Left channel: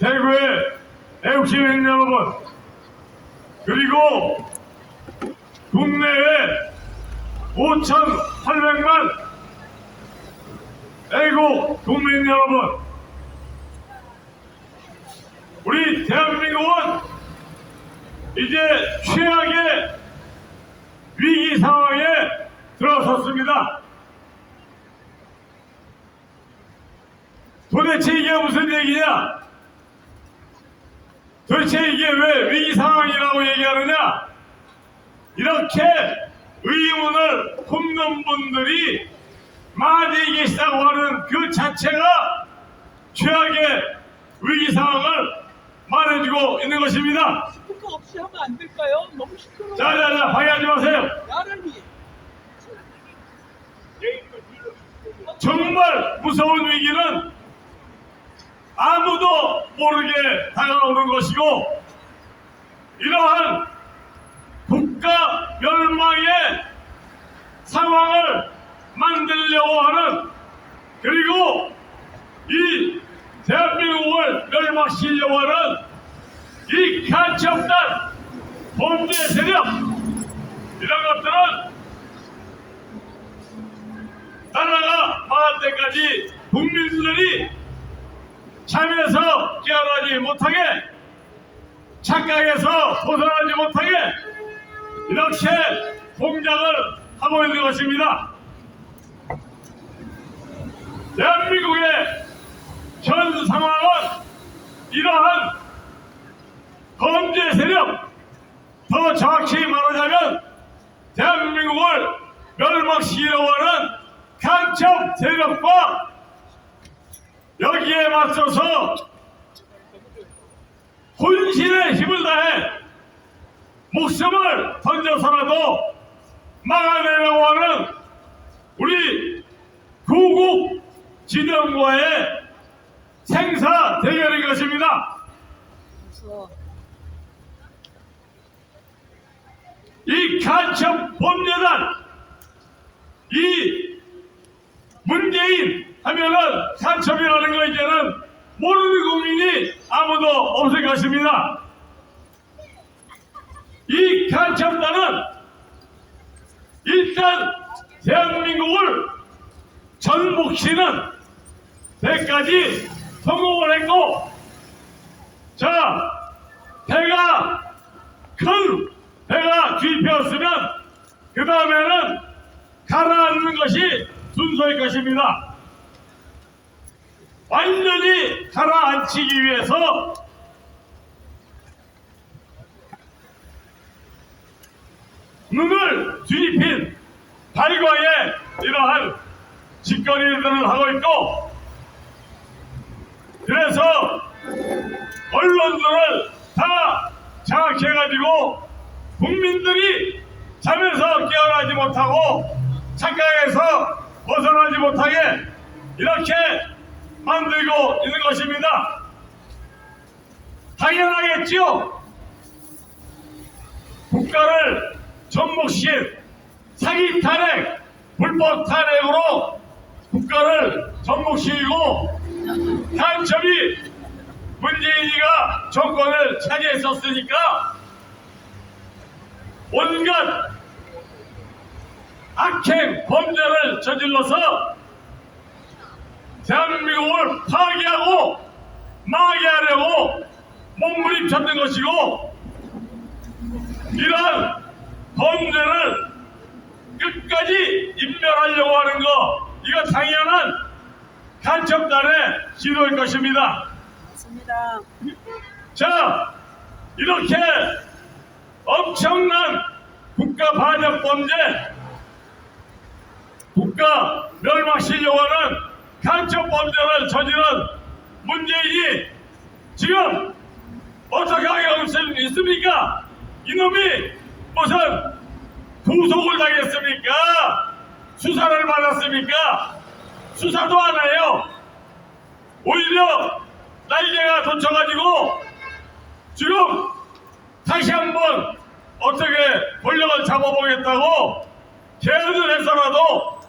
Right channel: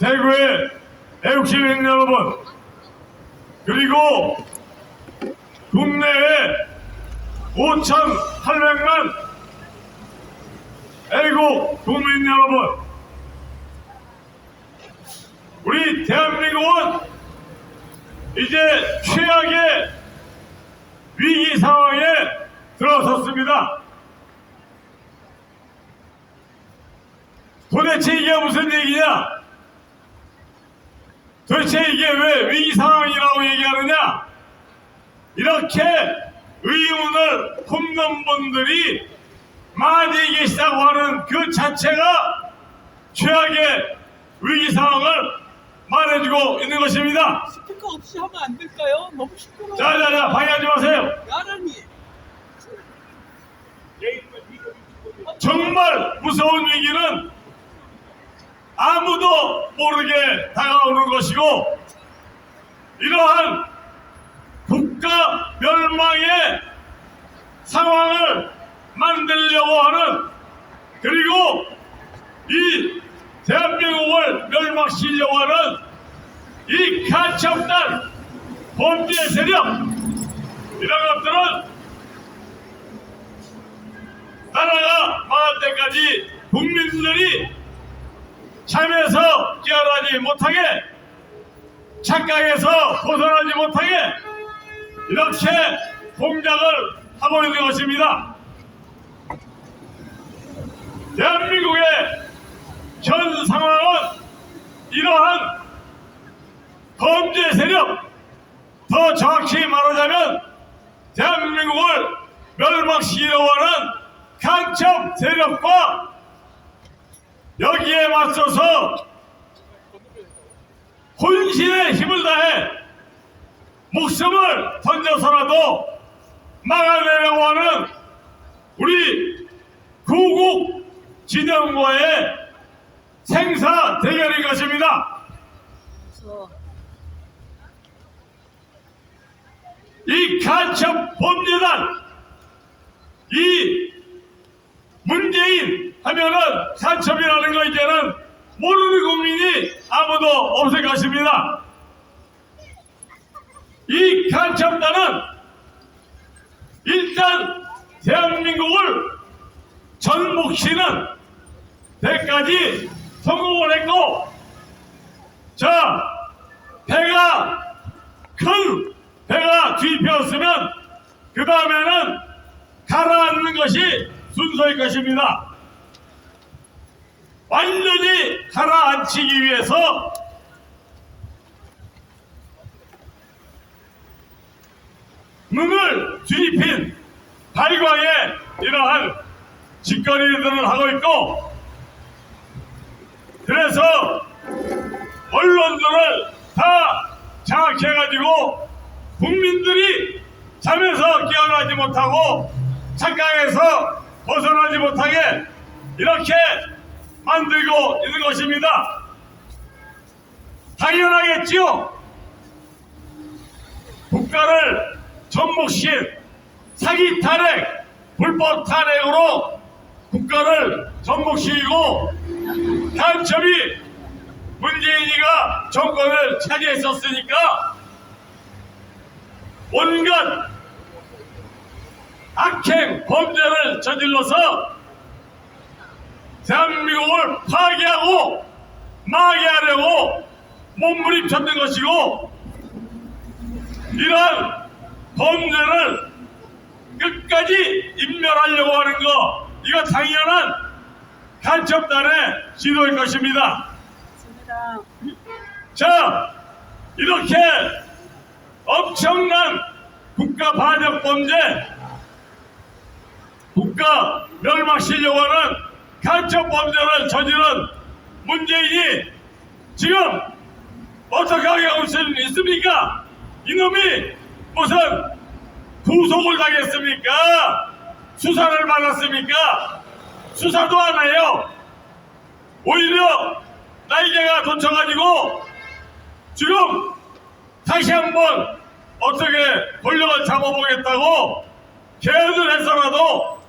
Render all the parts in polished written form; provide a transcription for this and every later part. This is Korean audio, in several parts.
대구의 애국시민 여러분, 그리고 국내외 5,800만 애국 국민 여러분, 우리 대한민국은 이제 최악의 위기 상황에 들어섰습니다. 도대체 이게 무슨 얘기냐? 도대체 이게 왜 위기 상황이라고 얘기하느냐? 이렇게 의문을 품는 분들이 많이 계시다고 하는 그 자체가 최악의 위기 상황을 말해주고 있는 것입니다. 스피커 없이 하면 안 될까요? 너무 시끄러워요. 자자자, 방해하지 마세요. 나란히. 정말 무서운 위기는 아무도 모르게 다가오는 것이고, 이러한 국가 멸망의 상황을 만들려고 하는, 그리고 이 대한민국을 멸망시키려고 하는 이 가치없는 범죄 세력, 이런 것들은 나라가 망할 때까지 국민들이 잠에서 깨어나지 못하게, 착각에서 벗어나지 못하게 이렇게 공작을 하고 있는 것입니다. 대한민국의 현 상황은 이러한 범죄 세력, 더 정확히 말하자면 대한민국을 멸망시키려고 하는 간첩 세력과 여기에 맞서서 혼신의 힘을 다해 목숨을 던져서라도 막아내려고 하는 우리 구국 진영과의 생사 대결인 것입니다. 이 간첩 범죄단, 이 문재인 하면은 간첩이라는 거 이제는 모르는 국민이 아무도 없을 것입니다. 이 간첩단은 일단 대한민국을 전복시는 데까지 성공을 했고, 자, 배가 큰 배가 뒤집혔으면 그 다음에는 가라앉는 것이 순서일 것입니다. 완전히 가라앉히기 위해서 눈을 뒤집힌 발광의 이러한 짓거리들을 하고 있고, 그래서 언론들을 다 장악해가지고 국민들이 잠에서 깨어나지 못하고 착각에서 벗어나지 못하게 이렇게 만들고 있는 것입니다. 당연하겠지요. 국가를 전복시킨 사기 탄핵, 불법 탄핵으로 국가를 전복시키고 간첩이 문재인이가 정권을 차지했었으니까 온갖 악행 범죄를 저질러서 대한민국을 파괴하고 망하게 하려고 몸부림쳤던 것이고, 이러한 범죄를 끝까지 인멸하려고 하는 거, 이거 당연한 간첩단의 시도일 것입니다. 맞습니다. 자, 이렇게 엄청난 국가 반역 범죄, 국가 멸망시키려고 하는 간첩 범죄를 저지른 문재인이 지금 어떻게 하고 있습니까? 이놈이 무슨 구속을 당했습니까? 수사를 받았습니까? 수사도 안 해요. 오히려 날개가 돋쳐가지고 지금 다시 한번 어떻게 권력을 잡아보겠다고 개헌을 해서라도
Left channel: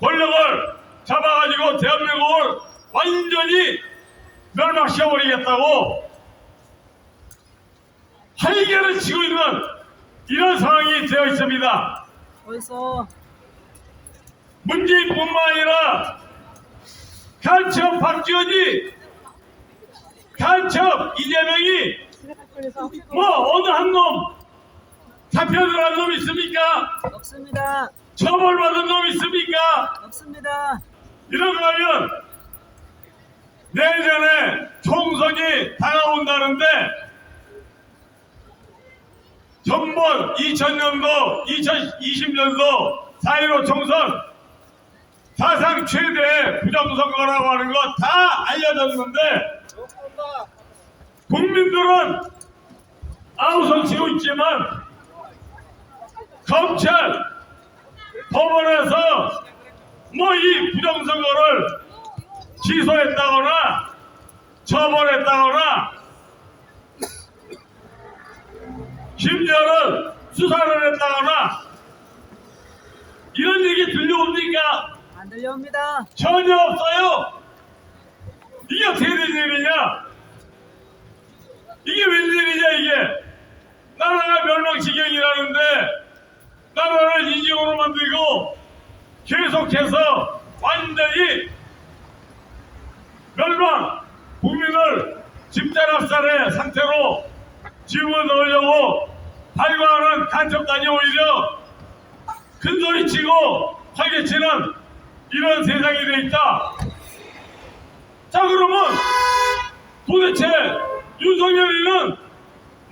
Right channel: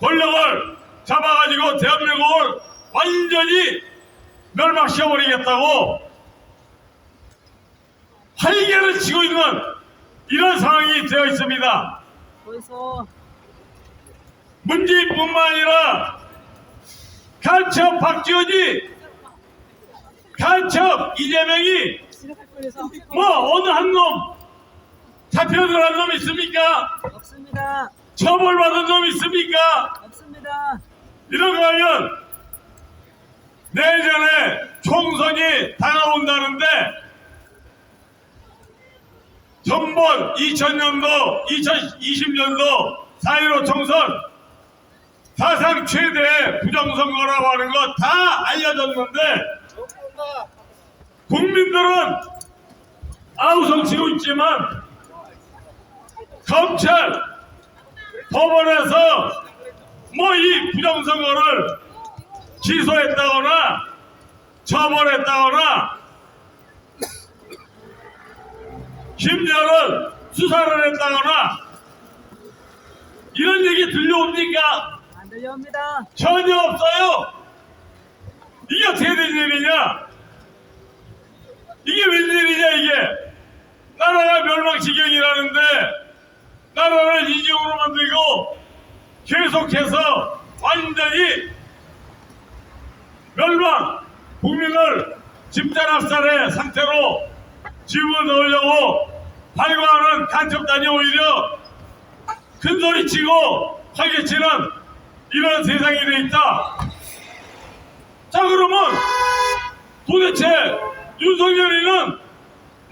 권력을 잡아가지고 대한민국을 완전히 멸망시켜버리겠다고 활개를 치고 있는 이런 상황이 되어 있습니다. 벌써 문재인뿐만 아니라 간첩 박지원이, 간첩 이재명이 뭐 어느 한 놈 잡혀들어간 놈 있습니까? 없습니다. 처벌받은 놈 있습니까? 없습니다. 이런 거 하면 내년에 총선이 다가온다는데 전번 2000년도 2020년도 4.15 총선 사상 최대 부정선거라고 하는 거 다 알려졌는데 국민들은 아우성 치고 있지만 검찰 법원에서 뭐 이 부정선거를 기소했다거나 처벌했다거나 심지어는 수사를 했다거나 이런 얘기 들려옵니까? 안 들려옵니다. 전혀 없어요. 이게 어떻게 된 일이냐? 이게 웬일이냐 이게? 나라가 멸망지경이라는데 나라를 인정으로 만들고 계속해서 완전히 멸망, 국민을 집단학살의 상태로 집을 넣으려고 발광하는 간첩단이 오히려 큰소리치고 활개치는 이런 세상이 돼 있다. 자, 그러면 도대체 윤석열이는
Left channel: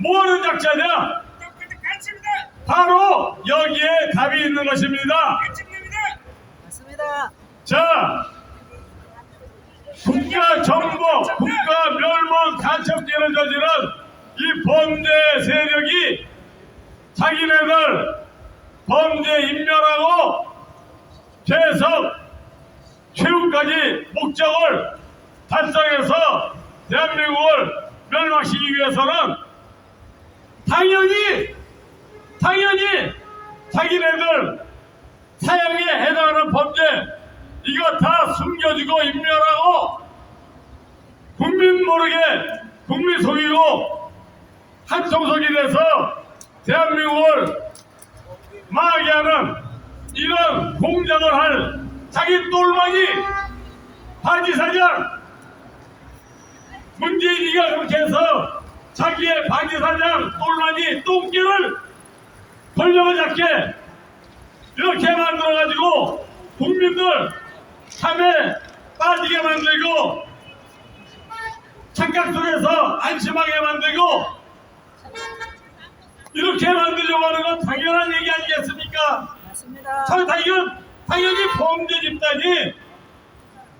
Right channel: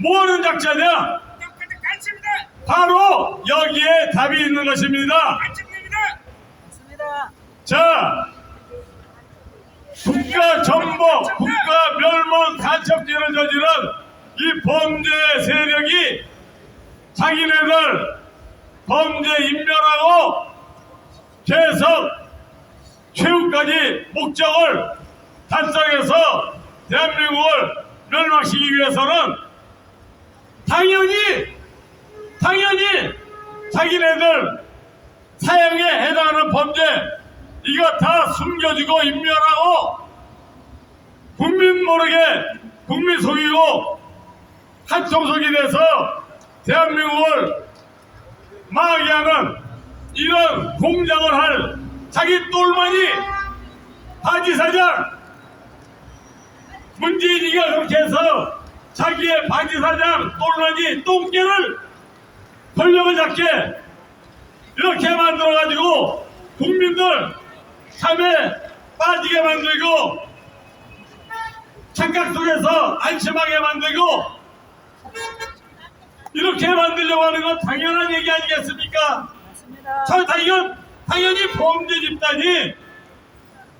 뭐하는 작자냐? 바로 여기에 답이 있는 것입니다. 맞습니다. 자, 국가 정복, 국가 멸망 간첩죄를 저지른 이 범죄 세력이 자기네들 범죄 인멸하고 계속 최후까지 목적을 달성해서 대한민국을 멸망시키기 위해서는 당연히 자기네들 사형에 해당하는 범죄 이거 다 숨겨주고 인멸하고 국민 모르게 국민 속이고 한통속이 돼서 대한민국을 망하게 하는 이런 공작을 할 자기 똘마니 바지사장 문재인이가 그렇게 해서 자기의 바지사장 똘마니 똥개를 권력을 잡게 이렇게 만들어가지고 국민들 참에 빠지게 만들고 착각 속에서 안심하게 만들고 이렇게 만들려고 하는 건 당연한 얘기 아니겠습니까? 맞습니다. 당연히 범죄 집단이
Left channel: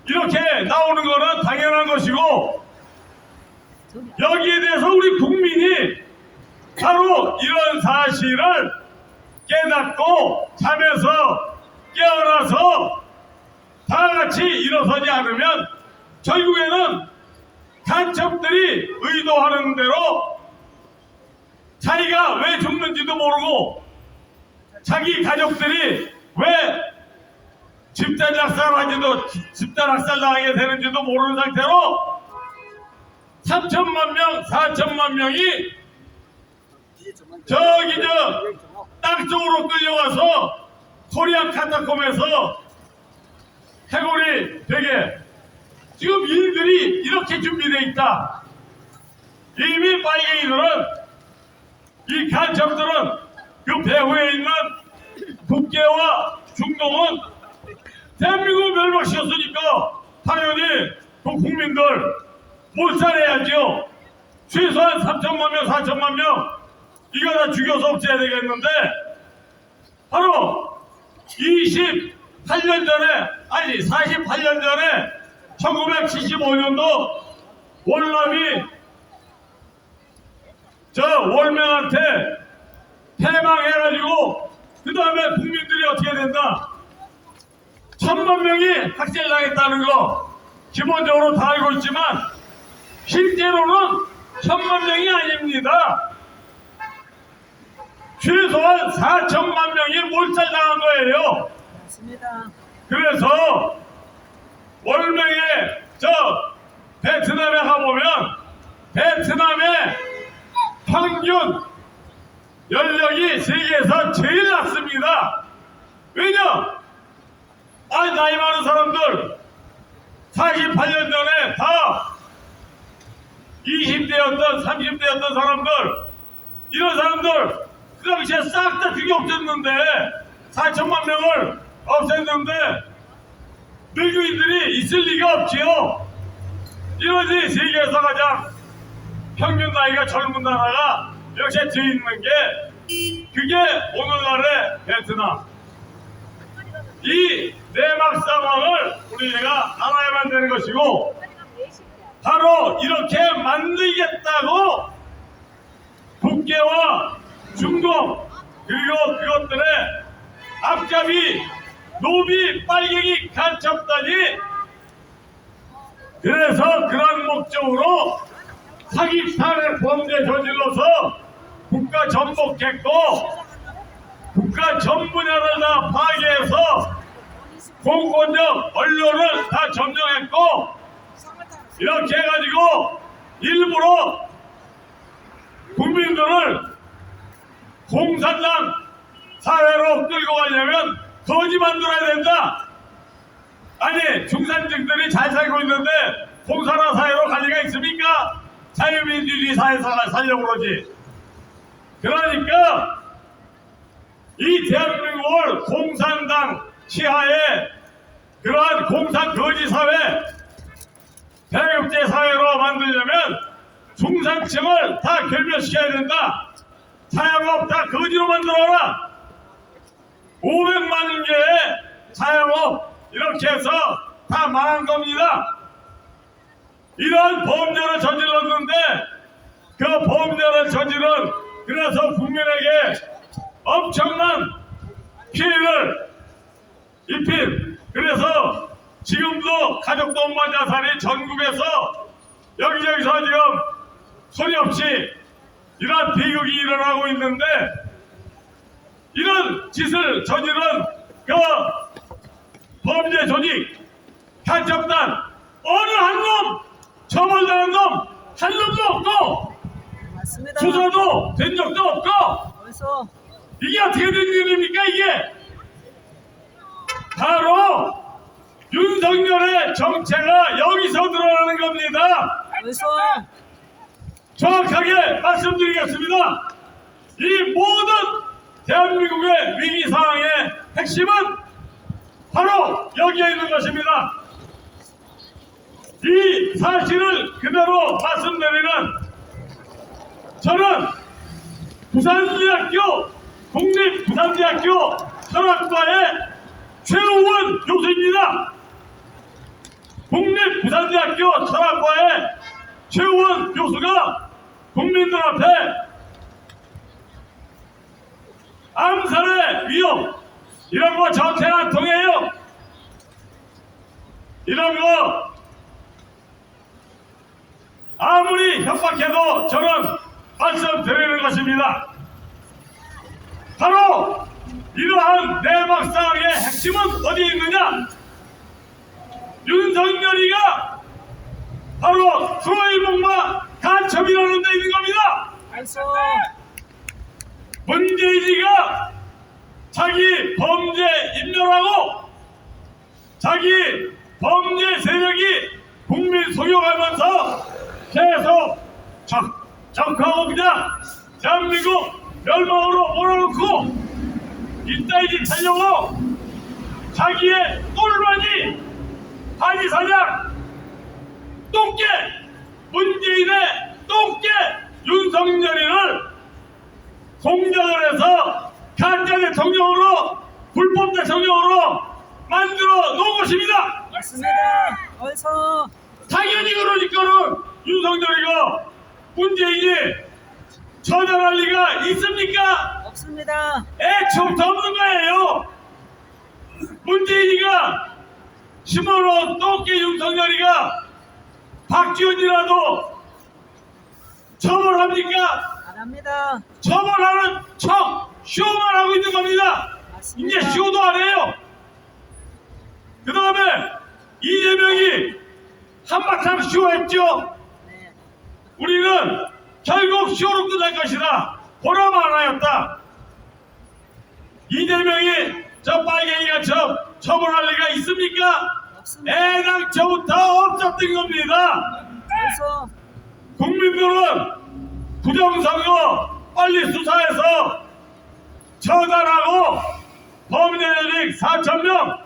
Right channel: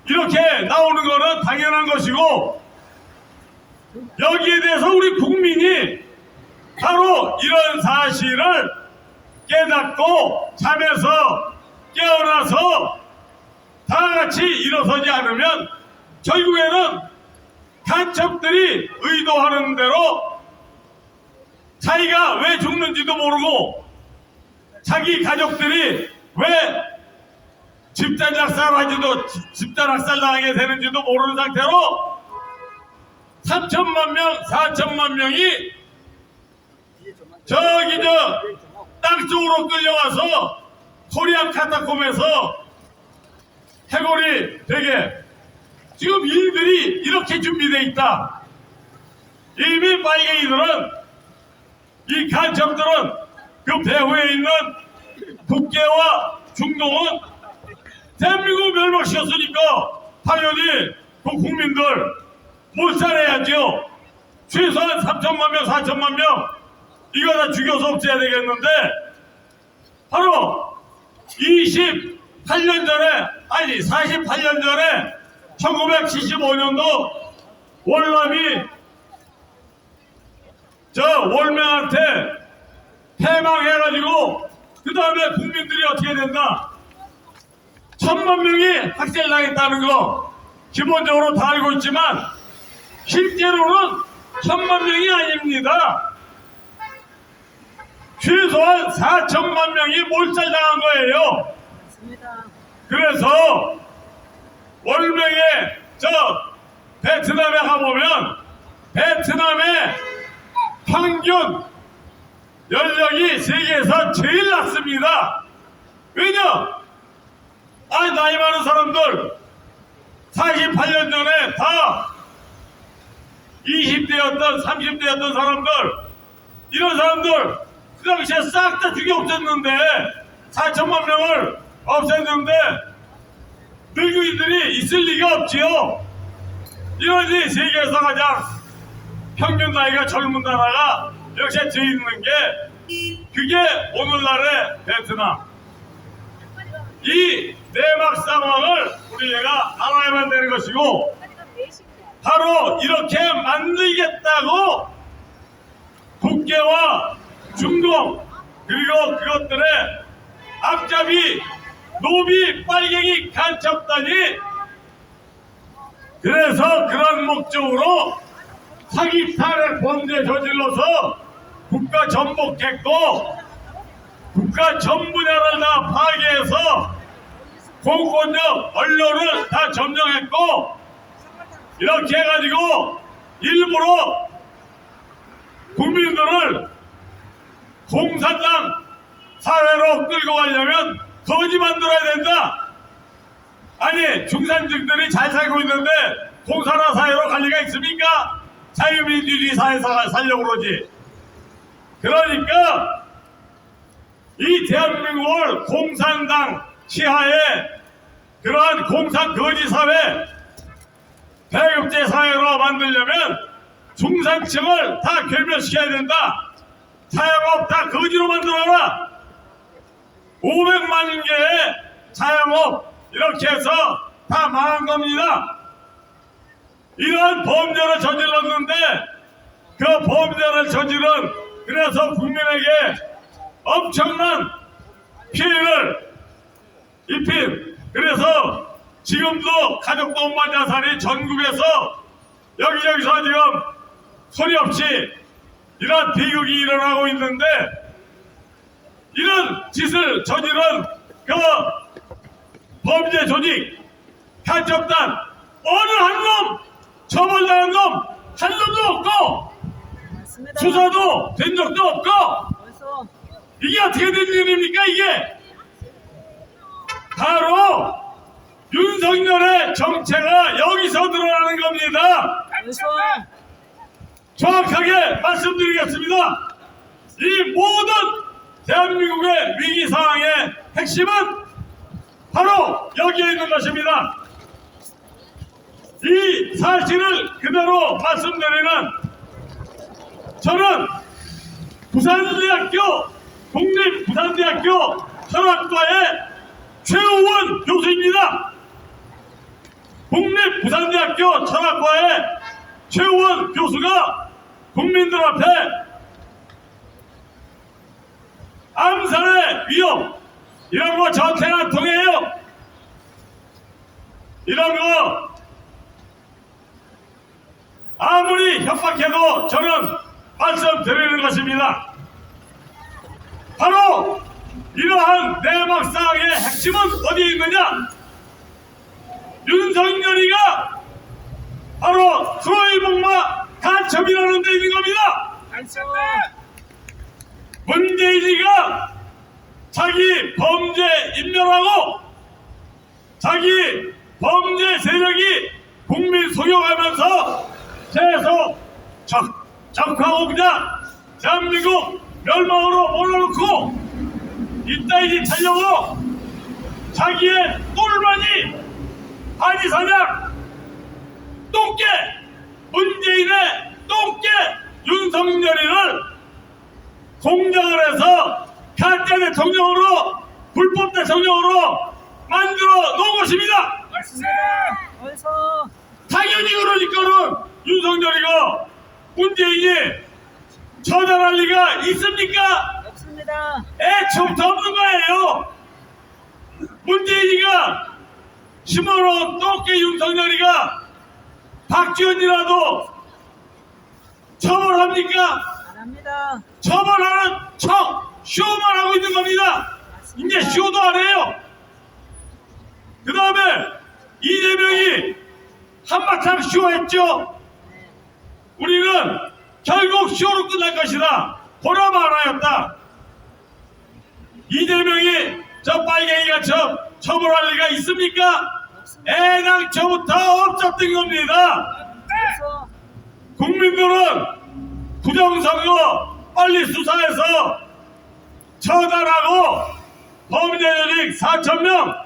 이렇게 나오는 거는 당연한 것이고 여기에 대해서 우리 국민이 바로 이런 사실을 깨닫고 잠에서 깨어나서 다 같이 일어서지 않으면 결국에는 간첩들이 의도하는 대로 자기가 왜 죽는지도 모르고 자기 가족들이 왜 집단 학살 당하게 되는지도 모르는 상태로 3천만 명, 4천만 명이 저기 땅 쪽으로 끌려와서 코리안 카타콤에서 해골이 되게 지금 일들이 이렇게 준비되어 있다. 이미 빨갱이들은 이 간첩들은 그 배후에 있는 국계와 중동은 대한민국을 멸망시켰으니까 당연히 그 국민들 몰살해야죠. 최소한 3천만 명, 4천만 명 이거 다 죽여서 없애야 되겠는데 바로 28년 전에 아니 48년 전에 1975년도 월남이 저 월명한테 패망해가지고 그 다음에 국민들이 어떻게 된다 1000만 명이 학살당했다는 거 기본적으로 다 알고 있지만 실제로는 1000만 명이 아닙니다. 최소한 4천만 명이 몰살당한 거예요. 맞습니다. 그래서 월명에 저 베트남에 가면 사람들 48년 전에 다 20대였던 30대였던 사람들, 이런 사람들 그 당시에 싹 다 죽이 없었는데 4천만 명을 없앴는데 늙은이들이 있을 리가 없지요. 이러니 세계에서 가장 평균 나이가 젊은 나라가 이렇게 돼 있는 게 그게 오늘날의 베트남. 이 내막 상황을 우리가 알아야만 되는 것이고, 바로 이렇게 만들겠다고 국계와 중공 그리고 그것들의 앞잡이 노비 빨갱이 간첩단이 그래서 그런 목적으로 사기 탈약 범죄 저질러서 국가 전복했고, 국가 전 분야를 다 파괴해서 공권력 언론을 다 점령했고, 이렇게 해가지고 일부러 국민들을 공산당 사회로 끌고 가려면 거지 만들어야 된다. 아니, 중산층들이 잘 살고 있는데 공산화 사회로 갈 리가 있습니까? 자유민주주의 사회가 살려고 그러지. 그러니까 이 대한민국을 공산당 치하에 그러한 공산 거지 사회, 배급제 사회로 만들려면 중산층을 다 결멸시켜야 된다. 자영업 다 거지로 만들어라. 500만 개의 자영업 이렇게 해서 다 망한 겁니다. 이런 범죄를 저질렀는데 그 범죄를 저지른, 그래서 국민에게 엄청난 피해를 입힌, 그래서 지금도 가족도 엄마 자살이 전국에서 여기저기서 지금 소리 없이 이런 비극이 일어나고 있는데, 이런 짓을 저지른 그 범죄 조직 간첩단 어느 한 놈 처벌당한 놈 한 놈도 없고 맞습니다. 수사도 된 적도 없고, 벌써 이게 어떻게 된 일입니까? 이게 바로 윤석열의 정체가 여기서 드러나는 겁니다. 벌써 정확하게 말씀드리겠습니다. 이 모든 대한민국의 위기 상황의 핵심은 바로 여기에 있는 것입니다. 이 사실을 그대로 말씀드리는, 저는 부산대학교 국립부산대학교 철학과의 최우원 교수입니다. 국립부산대학교 철학과의 최우원 교수가 국민들 앞에 암살의 위험 이런 거 저한테는 안 통해요. 이런 거 아무리 협박해도 저는 말씀드리는 것입니다. 바로 이러한 내막상의 핵심은 어디에 있느냐? 윤석열이가 바로 트로이복마 간첩이라는 데 있는 겁니다. 벌써 문재인이가 자기 범죄 인멸하고 자기 범죄 세력이 국민 속여가면서 계속 적하고 그냥 대한민국 멸망으로 몰아놓고 이따위 짓 하려고 자기의 똘마니 한이사장 똥개 문재인의 똥개 윤석열이를 공작을 해서 가짜 대통령으로 불법 대통령으로 만들어 놓은 것입니다. 맞습니다. 벌써 당연히 그러니까는 윤석열이가 문재인이 처단할 리가 있습니까? 없습니다. 애초부터 없는 거예요. 문재인이가 심어놓은 똥개 윤석열이가 박지원이라도 처벌합니까? 안 합니다. 처벌하는 척 쇼만 하고 있는 겁니다. 맞습니다. 이제 쇼도 안 해요. 그 다음에 이재명이 한바탕 쇼했죠. 네. 우리는 결국 쇼로 끝날 것이다. 보람 하나였다. 이재명이 저 빨갱이가 처벌할 리가 있습니까? 애당초부터 없었던 겁니다. 어서 국민들은 부정선거 빨리 수사해서 처단하고 범죄 조직 4,000명,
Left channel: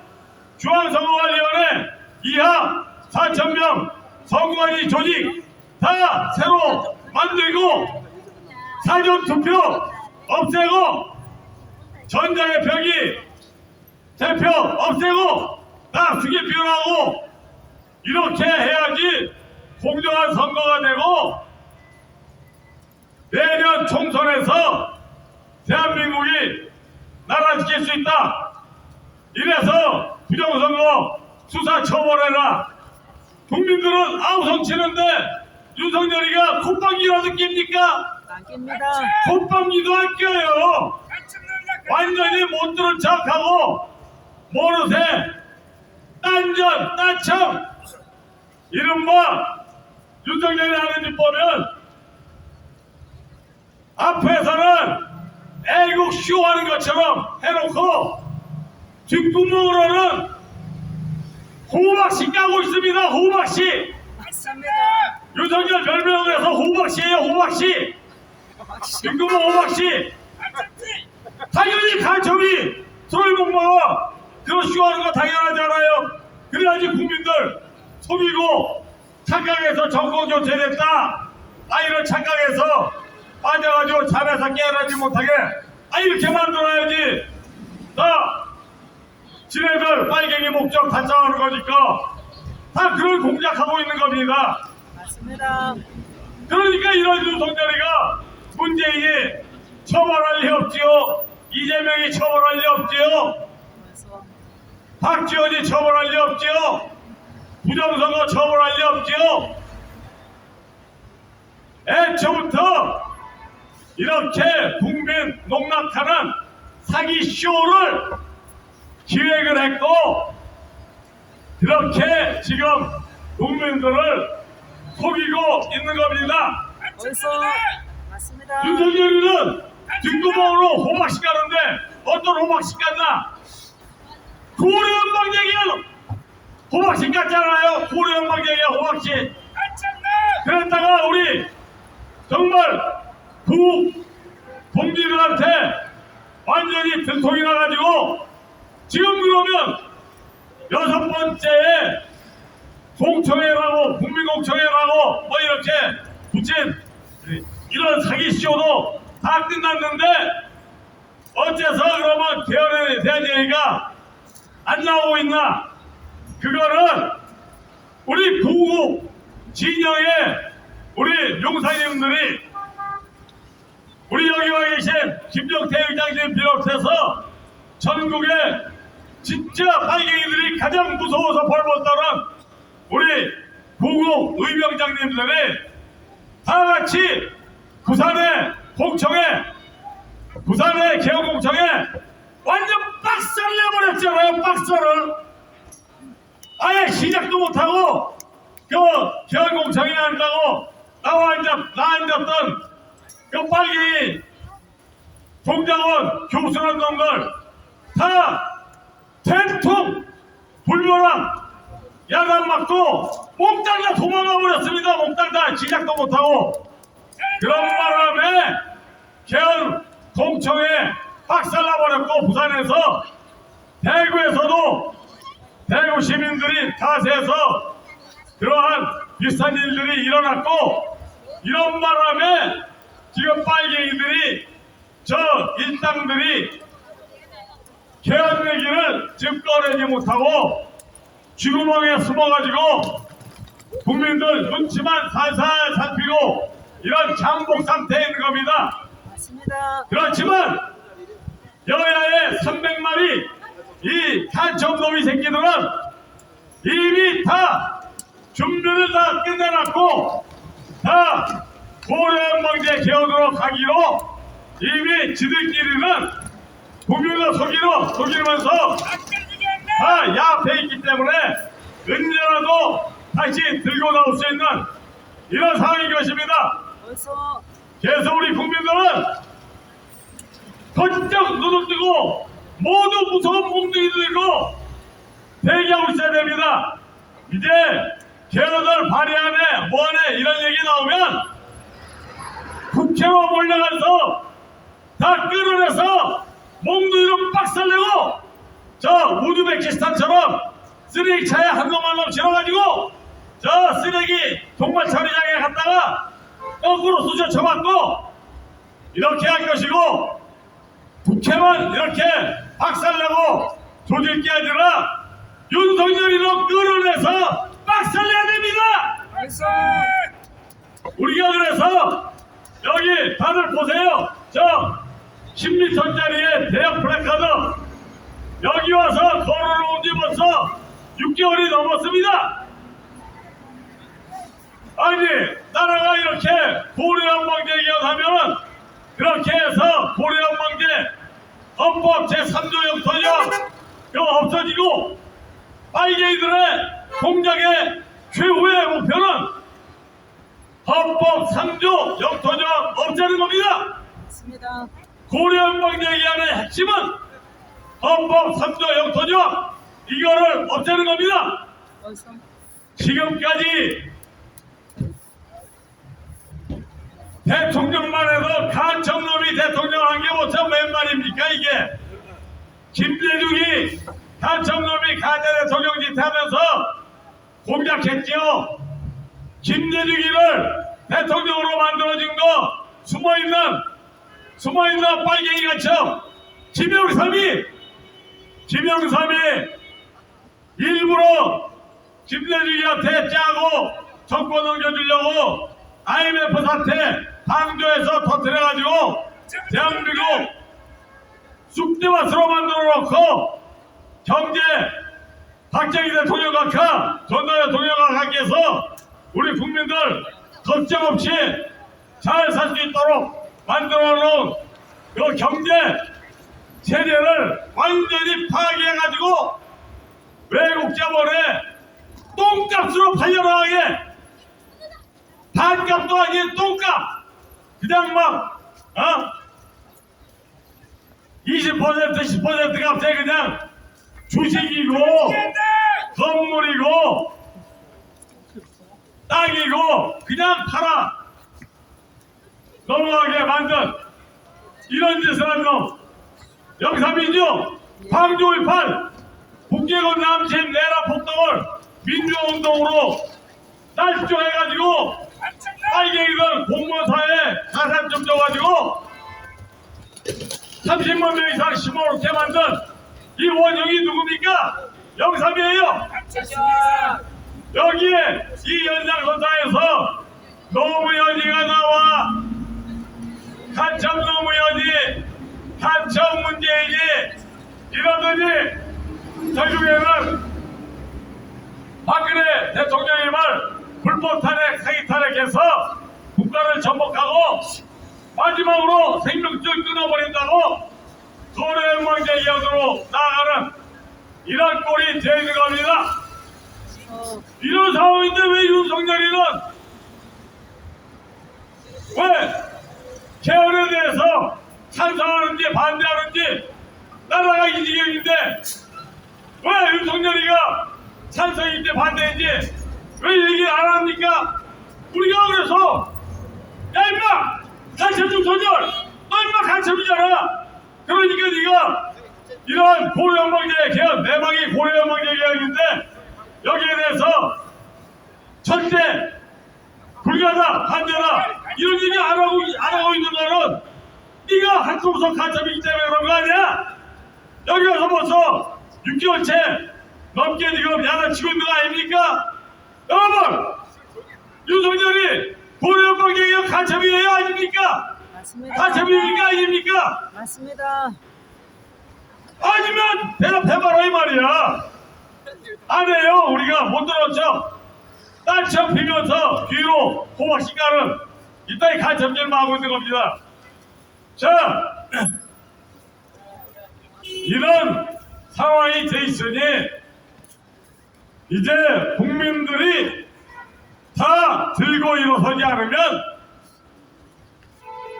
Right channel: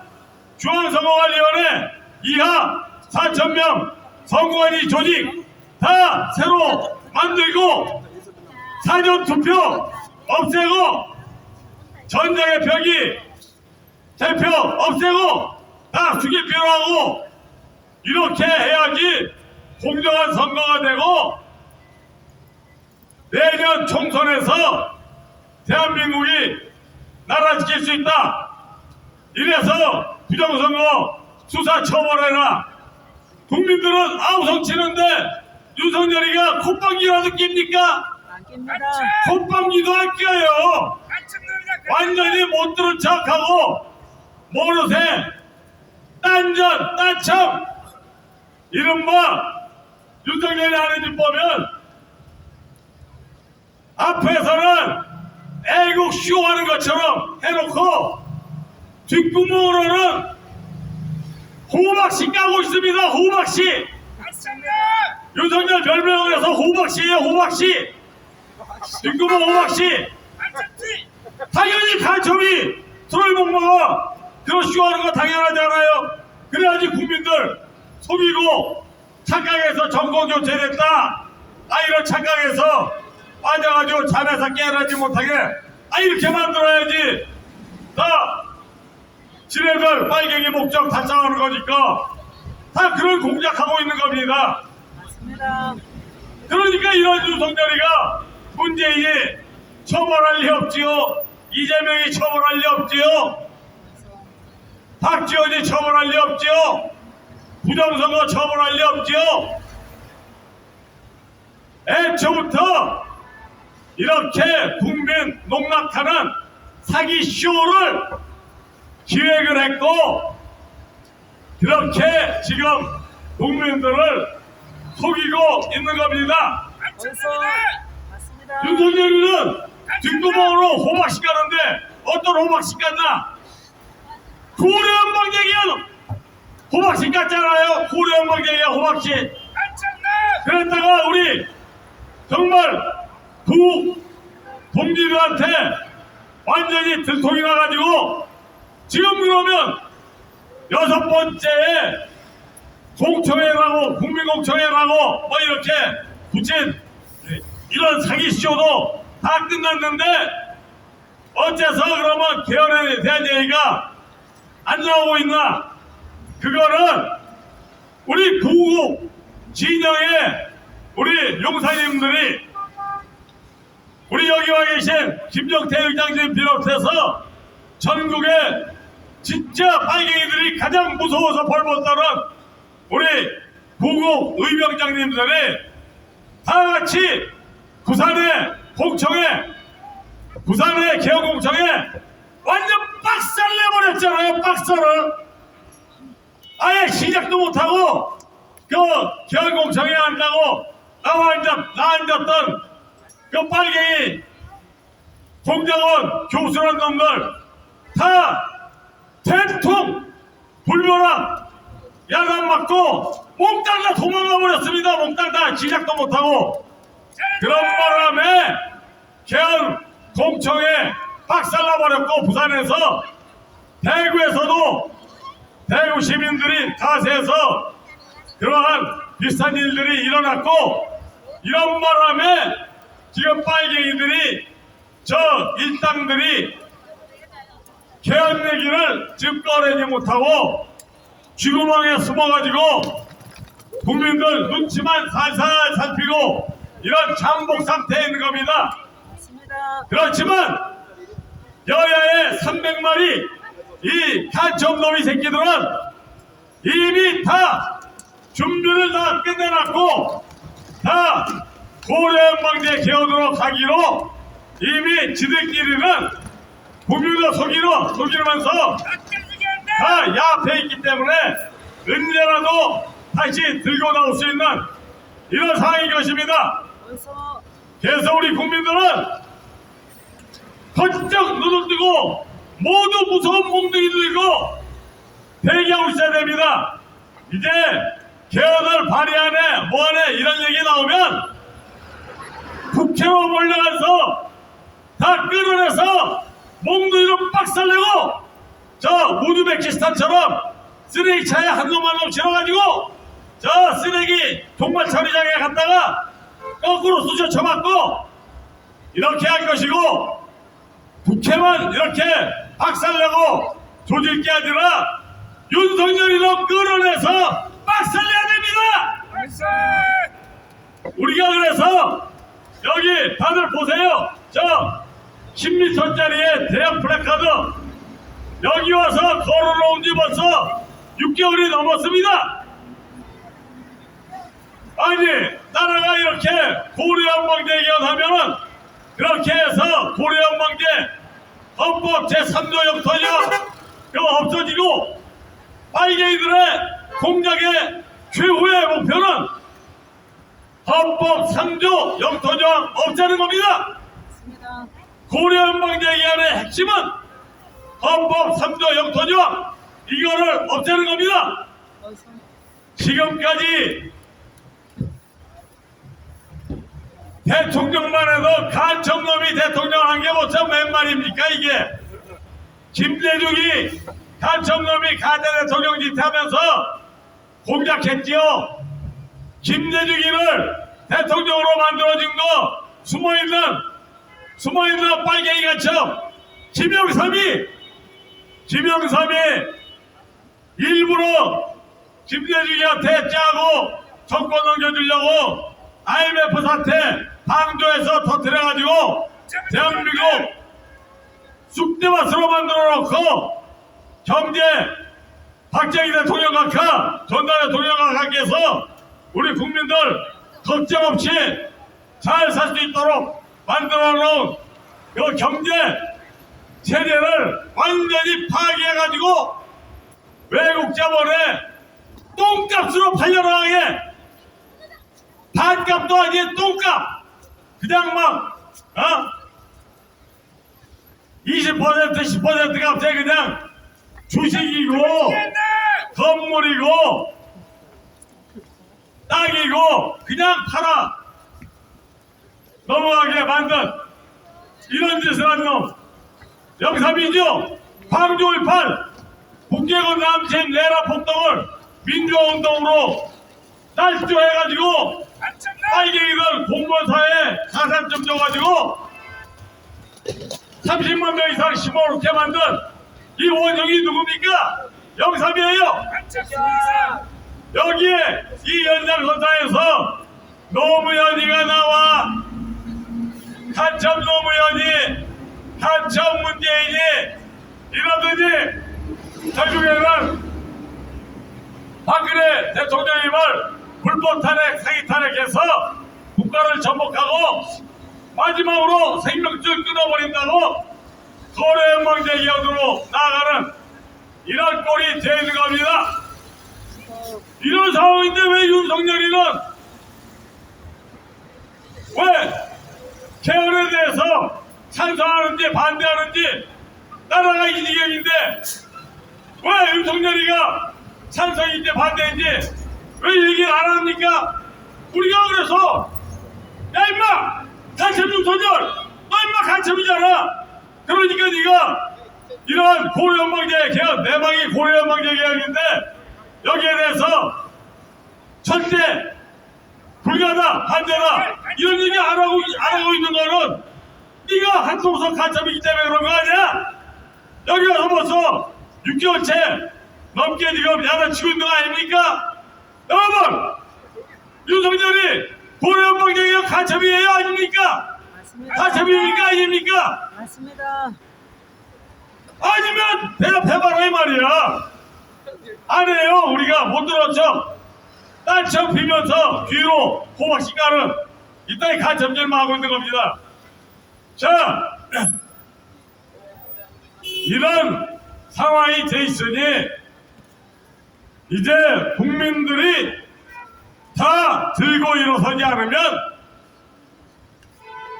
중앙선거관리위원회 이하 4,000명 선거관리 조직 다 새로 만들고 사전투표 없애고 전장의 표기 대표 없애고 다 수개표로 하고 이렇게 해야지 공정한 선거가 되고 내년 총선에서 대한민국이 나라 지킬 수 있다. 이래서 부정선거 수사 처벌해라. 국민들은 아우성 치는데 윤석열이가 콧방귀라도 낍니까? 안 낍니다. 콧방귀도 안 껴요. 완전히 못 들은 척하고 모르쇠 딴전 딴청 이른바 윤석열이 하는 짓 보면 앞에서는 애국 쇼하는 것처럼 해놓고 뒷구멍으로는 호박씨 까고 있습니다. 호박씨. 맞습니다. 윤석열 별명을 해서 호박씨예요. 호박씨. 뒷구멍 호박씨. 당연히 간첩이 손을 못 먹어. 그런 쇼하는 거 당연하지 않아요. 그래야지 국민들 속이고 착각해서 정권 교체됐다. 이런 착각해서 빠져가지고 잠에서 깨어나지 못하게 이렇게 만들어야지. 지네들 빨갱이 목적 달성하는 거니까 다 그걸 공작하고 있는 겁니다. 맞습니다. 그러니까 이런 윤석열이가 문재인이 처벌할 리 없지요. 이재명이 처벌할 리 없지요. 어서 박지원이 처벌할 리 없지요. 부정선거 처벌할 리 없지요. 애초부터 이렇게 국민 농락하는 사기 쇼를 기획을 했고 그렇게 지금 국민들을 속이고 있는 겁니다. 어서 맞습니다. 윤석열이는 뒷구멍으로 호박씨 가는데 어떤 호박씨 갔나? 고려연방쟁이야. 호박씨 갔잖아요. 고려연방쟁이야 호박씨. 그랬다가 우리 정말 동지들한테 완전히 들통이 나가지고 지금 그러면 6번째에 공청회라고 국민공청회라고 뭐 이렇게 붙인 이런 사기쇼도 다 끝났는데 어째서 그러면 개헌에 대한 얘기가 안 나오고 있나? 그거는 우리 구국 진영의 우리 용사님들이 우리 여기 와 계신 김정태 의장님 비롯해서 전국에 진짜 빨갱이들이 가장 무서워서 벌벌떠는 우리 구국 의병장님들이 다 같이 부산의 공청회, 부산의 개헌공청회 완전 박살을 내버렸잖아요. 박살을 아예 시작도 못하고 그 개헌공청회 한다고 나 앉았던 그 빨갱이 공장원 교수란 놈들 다 대통 불벼락 야단 맞고 몽땅 다 도망가 버렸습니다. 몽땅 다 시작도 못하고 그런 바람에 개헌 공청회 박살나버렸고 부산에서 대구에서도 대구 시민들이 다세서 그러한 비슷한 일들이 일어났고 이런 바람에 지금 빨갱이들이 저 일당들이 개헌 얘기를 지금 꺼내지 못하고 쥐구멍에 숨어가지고 국민들 눈치만 살살 살피고 이런 잠복 상태에 있는 겁니다. 맞습니다. 그렇지만 여야의 300마리 이 간첩놈이 새끼들은 이미 다 준비를 다 끝내놨고 다 고려연방제 개헌으로 가기로 이미 지들끼리는 국민을 속이면서 다 야패 있기 때문에 언제라도 다시 들고 나올 수 있는 이런 상황인 것입니다. 어서 그래서 우리 국민들은 번쩍 눈을 뜨고 모두 무서운 몽둥이 들고 대기하고 있어야 됩니다. 이제 개헌을 발의하네 뭐하네 이런 얘기 나오면 국회로 몰려가서 다 끌어내서 몽둥이로 빡살내고 저 우즈베키스탄처럼 쓰레기차에 한 놈만 실어가지고 저 쓰레기 종말 처리장에 갔다가 거꾸로 쑤셔 쳐맞고 이렇게 할 것이고 국회만 이렇게 박살내고 조질 게 아니라 윤석열이로 끌어내서 박살내야 됩니다. 알겠어. 우리가 그래서 여기 다들 보세요. 저 10m짜리의 대형 플래카드 여기 와서 걸어놓은 지 벌써 6개월이 넘었습니다. 아니 나라가 이렇게 고려연방제 개헌하면은 그렇게 해서 고려연방제 헌법 제3조 영토령 그거 없어지고 빨갱이들의 공작의 최후의 목표는 헌법 3조 영토령 없애는 겁니다. 맞습니다. 고려연방제 개헌의 핵심은 헌법 3조 영토령 이거를 없애는 겁니다. 어디서? 지금까지 대통령만 해도 간청놈이 대통령 한 게 뭐참 웬 말입니까 이게. 김대중이 간청놈이 가짜 대통령 짓 하면서 공작했지요. 김대중이를 대통령으로 만들어준 거 숨어있는 빨갱이 간청 김영삼이 일부러 김대중이한테 짜고 정권 넘겨주려고 IMF 사태 방조해서 터뜨려가지고 대한민국 쑥대밭으로 만들어놓고 경제 박정희 대통령 각하 전남 대통령 각하께서 우리 국민들 걱정 없이 잘 살 수 있도록 만들어놓은 그 경제 체제를 완전히 파괴해가지고 외국 자본에 똥값으로 팔려나가게 반값도 아닌 똥값 그냥 막 20% 10% 값에 그냥 주식이고 건물이고 땅이고 그냥 팔아 넘어가게 만든 이런 짓을 하는 놈 영삼이죠. 광주 5.18 북계권 남친 내라 폭동을 민주화운동으로 날조해가지고 빨갱이들 공무원사회 가산 좀 줘가지고 30만 명 이상 심어놓게 만든 이 원흉이 누굽니까? 영삼이에요. 맞습니다. 여기에 이 연장선상에서 노무현이가 나와 간첩 노무현이 간첩 문재인이 이러더니 결국에는 박근혜 대통령님을 불법 탄핵, 사기 탄핵해서 국가를 전복하고 마지막으로 생명줄 끊어버린다고 고려연방제 개헌으로 나아가는 이런 꼴이 되는 겁니다. 이런 상황인데 왜 윤석열이는 왜 개헌에 대해서 찬성하는지 반대하는지 나라가 이 지경인데 왜 윤석열이가 찬성인지 반대인지 왜 얘기 안 합니까? 우리가 그래서 야 임마 간첩 조절 너 임마 간첩이잖아. 그러니까 네가 이러한 고려연방제 개헌 내막이 고려연방제 개헌인데 여기에 대해서 절대 불가다 반대다 이런 얘기 안 하고 있는 거는 네가 한국에서 간첩이기 때문에 그런 거 아니야? 여기 와서 벌써 6개월째 넘게 지금 야단치고 있는 거 아닙니까? 여러분 윤석열이 고려연방제 개헌 간첩이에요 아닙니까? 맞습니다. 간첩입니까 아닙니까? 맞습니다. 아니면 대답해봐라 이 말이야. 안 해요. 우리가 못 들었죠. 딸처럼 비면서 뒤로 호박씨 가는 이따위 간첩질만 하고 있는 겁니다. 자, 이런 상황이 돼 있으니 이제 국민들이 다 들고 일어서지 않으면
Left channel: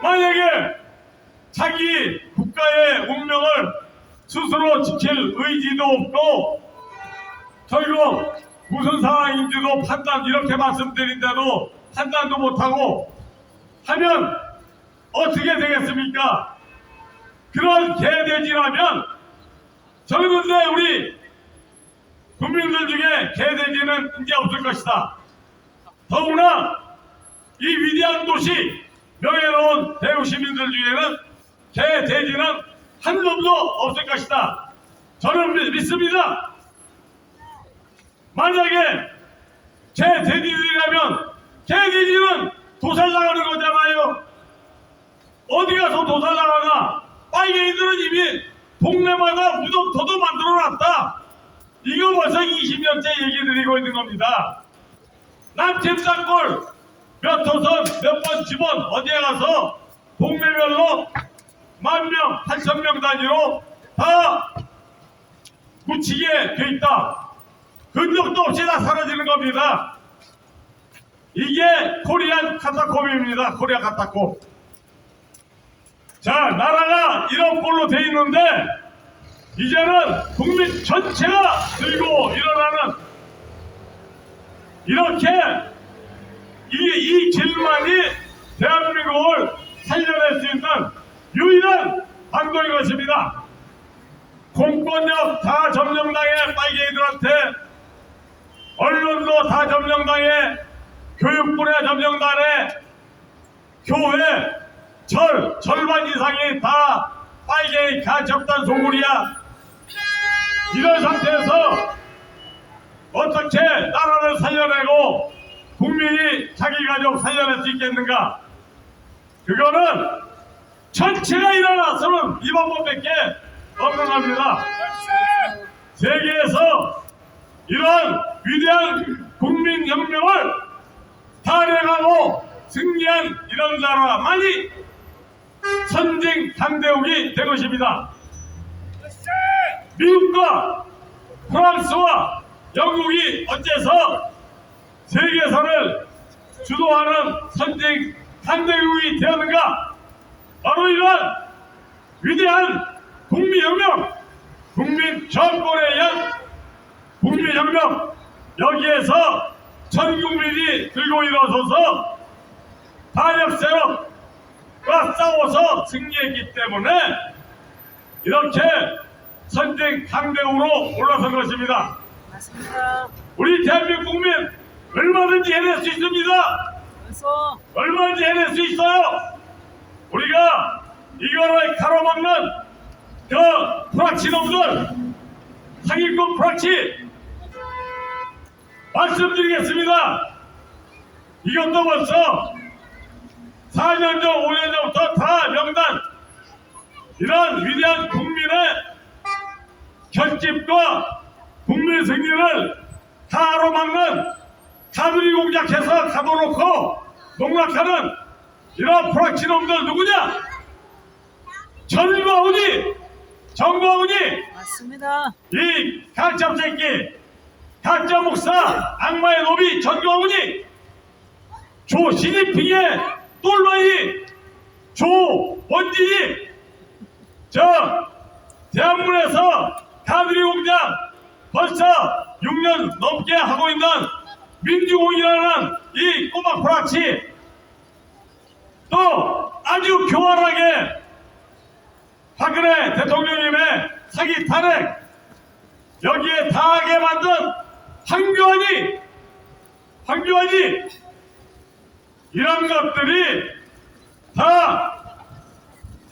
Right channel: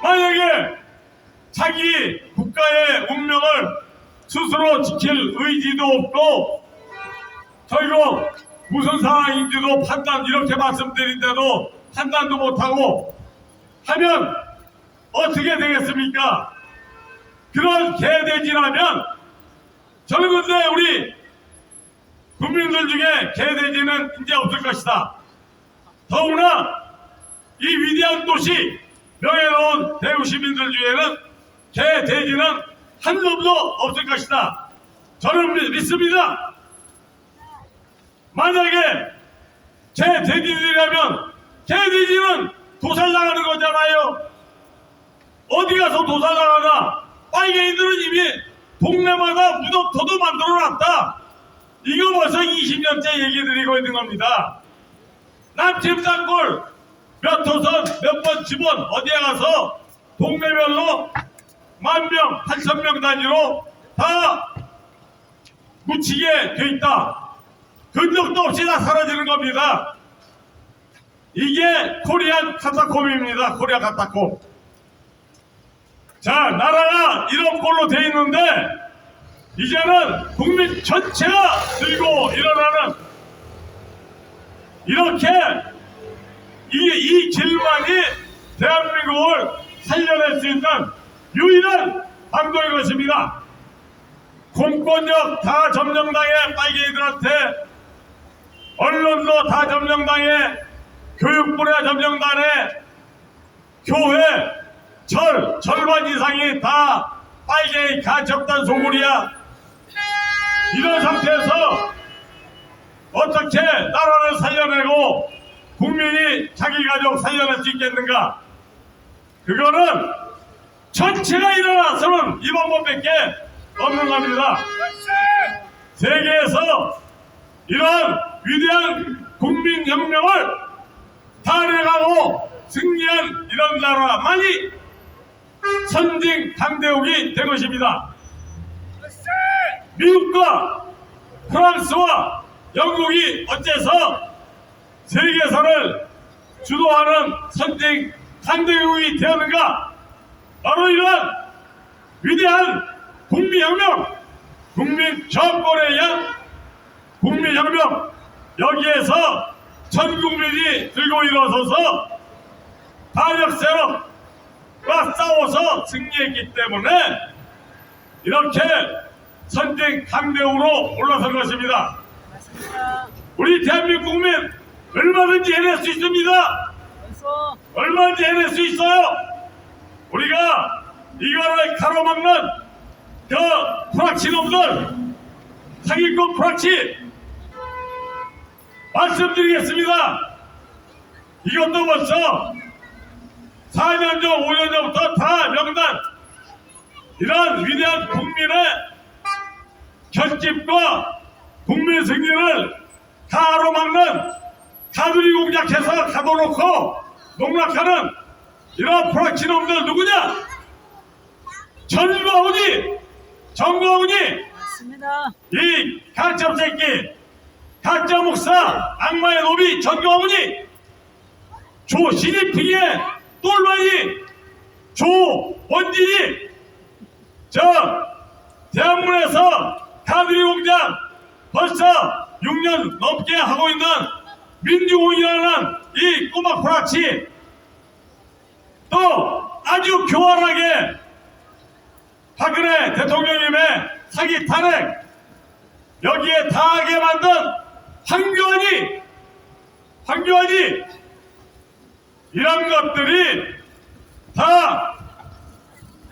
만약에 자기 국가의 운명을 스스로 지킬 의지도 없고 결국 무슨 상황인지도 이렇게 말씀드린데도 판단도 못하고 하면 어떻게 되겠습니까? 그런 개돼지라면 저는 근데 우리 국민들 중에 개돼지는 이제 없을 것이다. 더구나 이 위대한 도시 명예로운 대구 시민들 중에는 개돼지는 한 놈도 없을 것이다. 저는 믿습니다. 만약에 개돼지들이라면 개돼지는 도살당하는 거잖아요. 어디 가서 도살당하나? 빨갱이들은 이미 동네마다 무덤터도 만들어놨다. 이거 벌써 20년째 얘기 드리고 있는 겁니다. 남침산골 몇 호선 몇 번 집원 어디에 가서 동네별로 10,000명, 8,000명 단위로 다 묻히게 돼 있다. 흔적도 없이 다 사라지는 겁니다. 이게 코리안 카타콤입니다. 코리아 카타콤. 자, 나라가 이런 꼴로 돼 있는데 이제는 국민 전체가 들고 일어나는 이렇게 이 길만이 대한민국을 살려낼 수 있는 유일한 방도인 것입니다. 공권력 다 점령당해 빨갱이들한테, 언론도 다 점령당해, 교육부에 점령당해, 교회 절반 이상이 다 빨갱이 가첩단 소굴이야. 이런 상태에서 어떻게 나라를 살려내고 국민이 자기 가족 살려낼 수 있겠는가? 그거는 전체가 일어나서는 이 방법밖에 없는 겁니다. 세계에서 이러한 위대한 국민혁명을 탄핵하고 승리한 이런 나라만이 선진 강대국이 된 것입니다. 미국과 프랑스와 영국이 어째서 세계선을 주도하는 선진 강대국이 되었는가? 바로 이러한 위대한 국민혁명, 국민 정권에 의한 국민혁명, 여기에서 전 국민이 들고 일어서서 반역 세력과 싸워서 승리했기 때문에 이렇게 선진 강대국으로 올라선 것입니다. 맞습니다. 우리 대한민국 국민 얼마든지 해낼 수 있습니다. 원소. 얼마든지 해낼 수 있어요. 우리가 이거를 가로막는 그 프락치놈들, 사기꾼 프락치 말씀드리겠습니다. 이것도 벌써 4년 전, 5년 전부터 다 명단, 이런 위대한 국민의 결집과 국민 승리를 가로막는 가두리 공작해서 가둬놓고 농락하는 이런 프락치놈들 누구냐? 정거훈이 맞습니다. 이 가짜 새끼, 가짜 목사, 악마의 노비 정거훈이 조시진핑의 똘마이, 조원진이 저 대한문에서 가두리 공작 벌써 6년 넘게 하고 있는 민주공이라는 이 꼬마 프락치, 또 아주 교활하게 박근혜 대통령님의 사기 탄핵 여기에 당하게 만든 황교안이 이런 것들이 다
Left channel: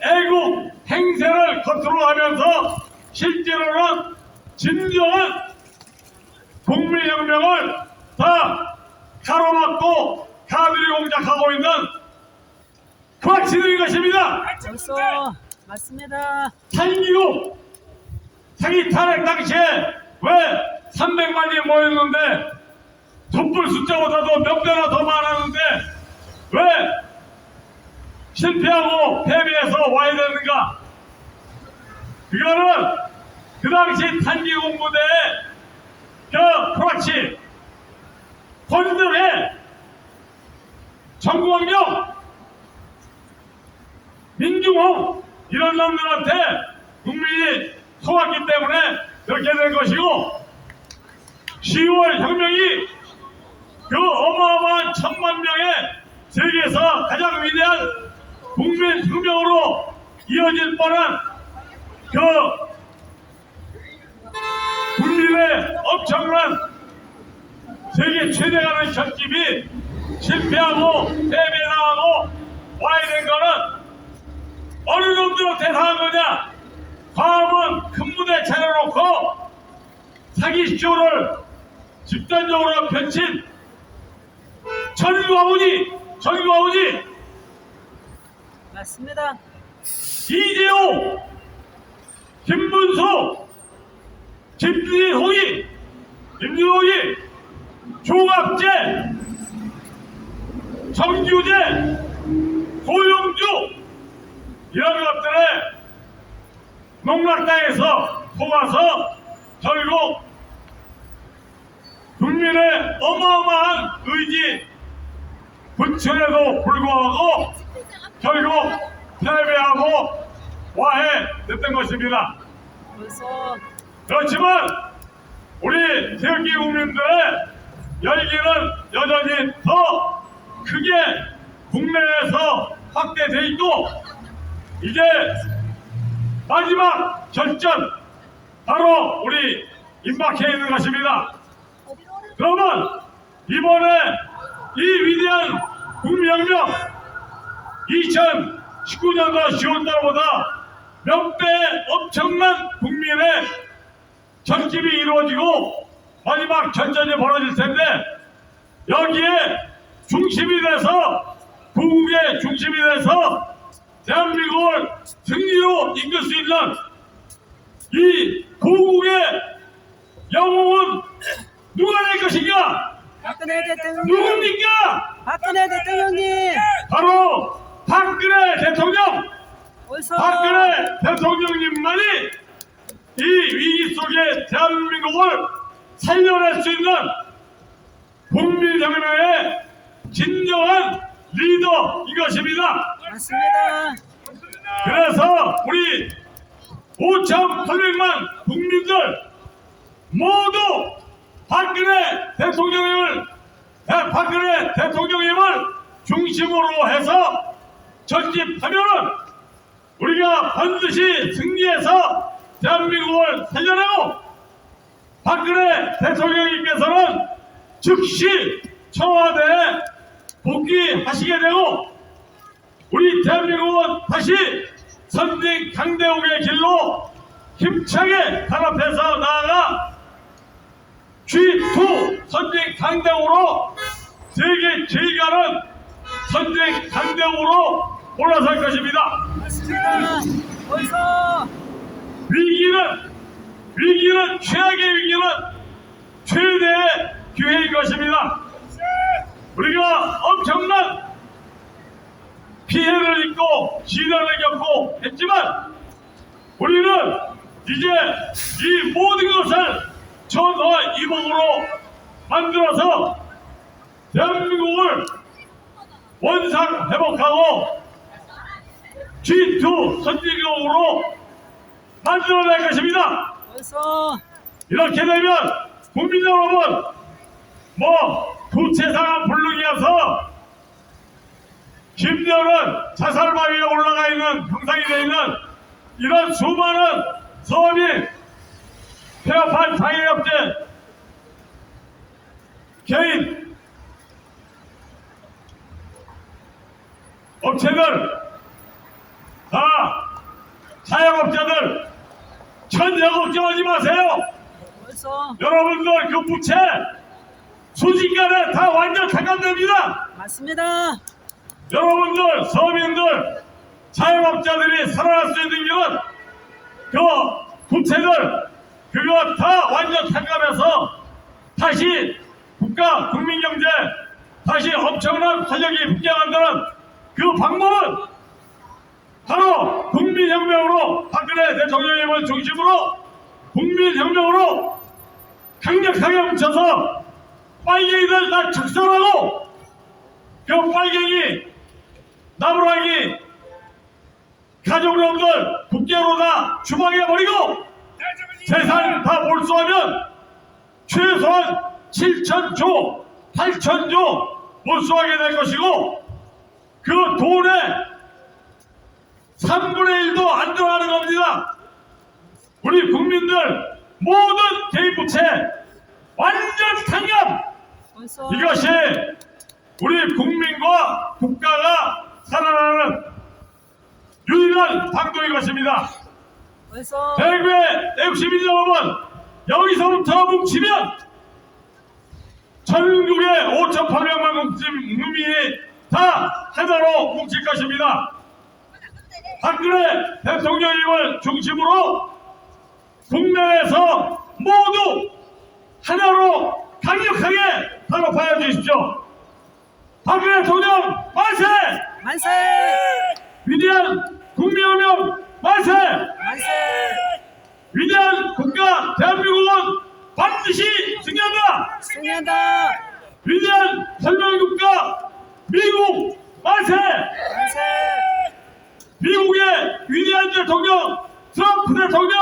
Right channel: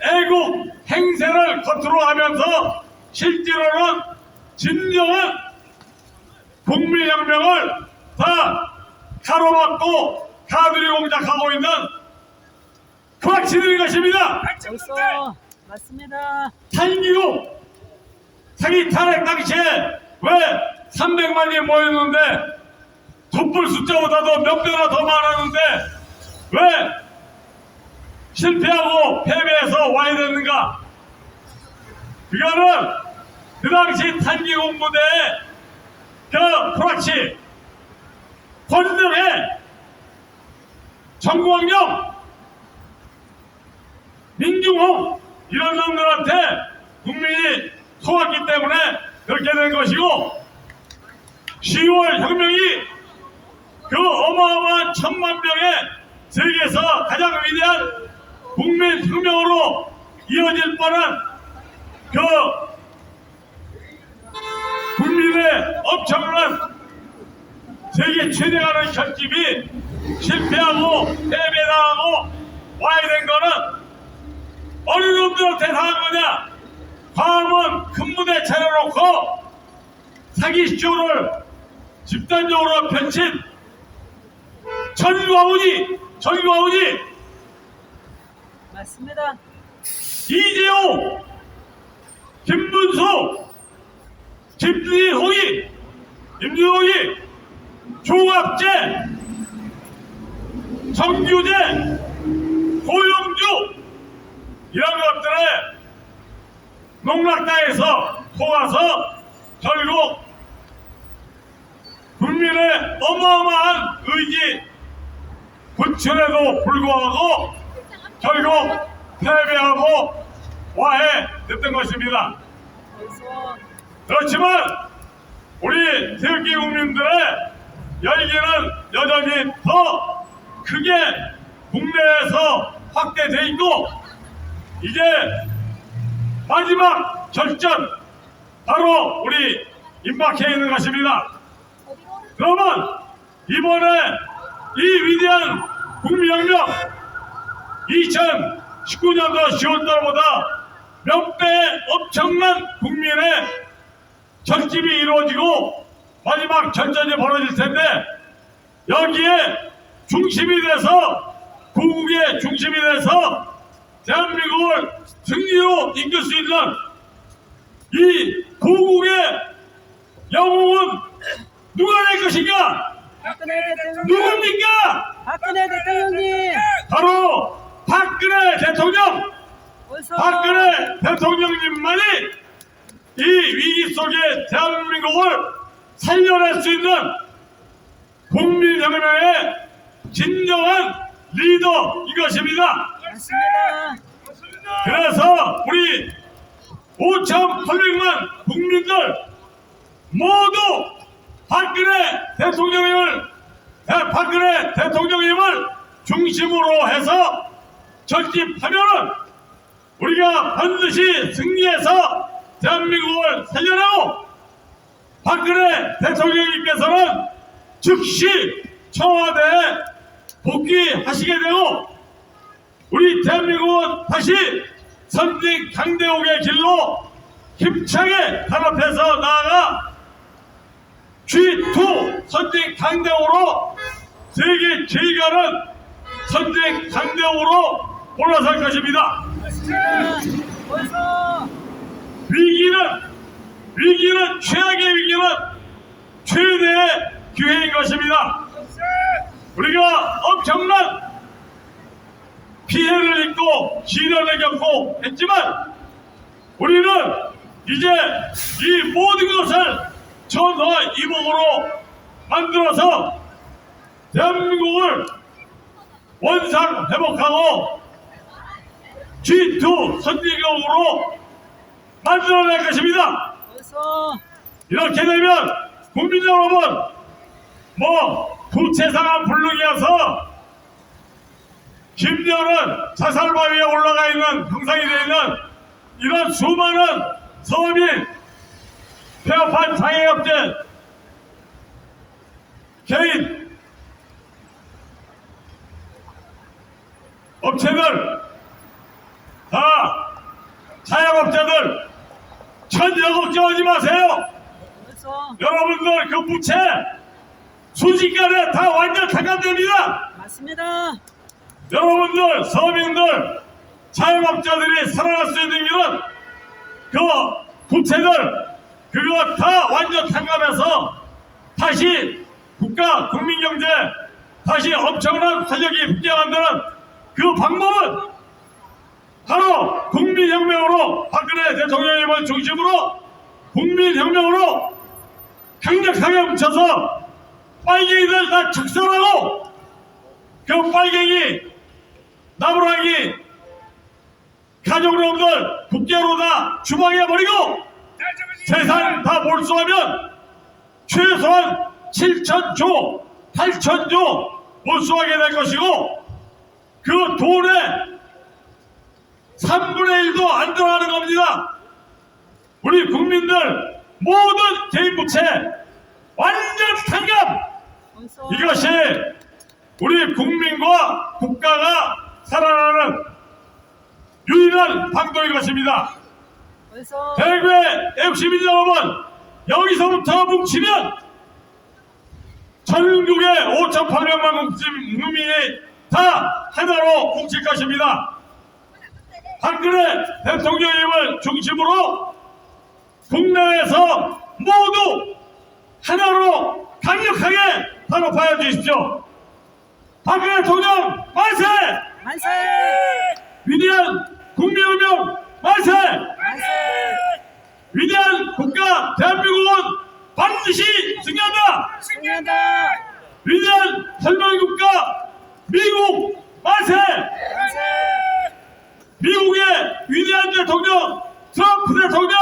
애국 행세를 겉으로 하면서 실제로는 진정한 국민혁명을 다 가로막고 가두리 공작하고 있는 프락치들인 것입니다. 원소. 맞습니다. 살기고 사기 탄핵 당시에 왜 300만이 모였는데 촛불 숫자보다도 몇 배나 더 많았는데 왜 실패하고 패배해서 와야 됐는가? 그거는 그 당시 탄기 공부대의 그 프락치 권은혜, 정광용, 민중홍 이런 놈들한테 국민이 속았기 때문에 그렇게 된 것이고, 10월 혁명이 그 어마어마한 1000만 명의 세계에서 가장 위대한 국민 혁명으로 이어질 뻔한 그 국민의 엄청난 세계 최대라는 결집이 실패하고 패배당하고 와야 된 거는 어느 놈들한테 당한 거냐? 광화문 큰 무대 차려놓고 사기쇼를 집단적으로 펼친 전국 아버지 맞습니다. 이재호, 김문수, 김준홍이, 임준홍이, 조갑재, 정규재, 고영주 이런 것들에 농락당해서 속아서 결국 국민의 어마어마한 의지 분출에도 불구하고 결국 패배하고 와해됐던 것입니다. 그래서 그렇지만 우리 태극기 국민들의 열기는 여전히 더 크게 국내에서 확대돼 있고 이제 마지막 결전 바로 우리 임박해 있는 것입니다. 그러면 이번에 이 위대한 국민혁명 2019년도 10월달보다 몇 배 엄청난 국민의 결집이 이루어지고 마지막 전전이 벌어질 텐데 여기에 중심이 돼서 고국의 중심이 돼서 대한민국을 승리로 이끌 수 있는 이 고국의 영웅은 누가 될 것인가? 박근혜 대통령, 누굽니까? 박근혜 대통령님, 바로 박근혜 대통령, 어서 박근혜 대통령님만이 이 위기 속에 대한민국을 살려낼 수 있는 국민혁명의 진정한 리더 이것입니다. 맞습니다. 그래서 우리 5,800만 국민들 모두 박근혜 대통령님을 중심으로 해서 전집하면은 우리가 반드시 승리해서 대한민국을 살려내고 박근혜 대통령님께서는 즉시 청와대에 복귀하시게 되고 우리 대한민국은 다시 선진 강대국의 길로 힘차게 단합해서 나아가 G2 선진 강대국으로 세계 제일 가는 선진 강대국으로 올라설 것입니다. 맞습니다. 어서 위기는 최악의 위기는 최대의 기회인 것입니다. 우리가 엄청난 피해를 입고 시련을 겪고 했지만 우리는 이제 이 모든 것을 전화이복으로 만들어서 대한민국을 원상 회복하고 G2 선진국으로 만들어낼 것입니다. 어서 이렇게 되면 국민 여러분 구체상한 불능이어서 김여는 자살바위에 올라가 있는 형상이 되어 있는 이런 수많은 서민 폐업한 상해업체 개인 업체들 다 사양업자들 천여 걱정하지 마세요. 어서 여러분들 그 부채 순식간에 다 완전 탕감됩니다. 맞습니다. 여러분들 서민들 자영업자들이 살아날 수 있는 길은 그 부채들 그거 다 완전 탕감해서 다시 국가 국민경제 다시 엄청난 활력이 붙게 만드는 그 방법은 바로 국민혁명으로 박근혜 대통령님을 중심으로 국민혁명으로 강력하게 붙여서 빨갱이들 다 축소하고 그 빨갱이 나무라기 가족놈들 국계로 다 주방에 버리고 재산 다 몰수하면 최소한 7,000조, 8,000조 몰수하게 될 것이고 그 돈의 3분의 1도 안 들어가는 겁니다. 우리 국민들 모든 개인 부채 완전 탕감! 벌써. 이것이 우리 국민과 국가가 살아나는 유일한 방도인 것입니다. 벌써. 대구의 FC민 여러분, 여기서부터 뭉치면 전국의 5,800만 국민이 다 하나로 뭉칠 것입니다. 박근혜 대통령님을 중심으로 국내에서 모두 하나로 강력하게 단합하여 주십시오. 박근혜 대통령 만세! 만세. 위대한 국민운명 만세! 만세. 위대한 국가 대한민국은 반드시 승리한다! 승리한다. 위대한 혁명국가 미국 만세! 만세. 미국의 위대한 대통령 트럼프 대통령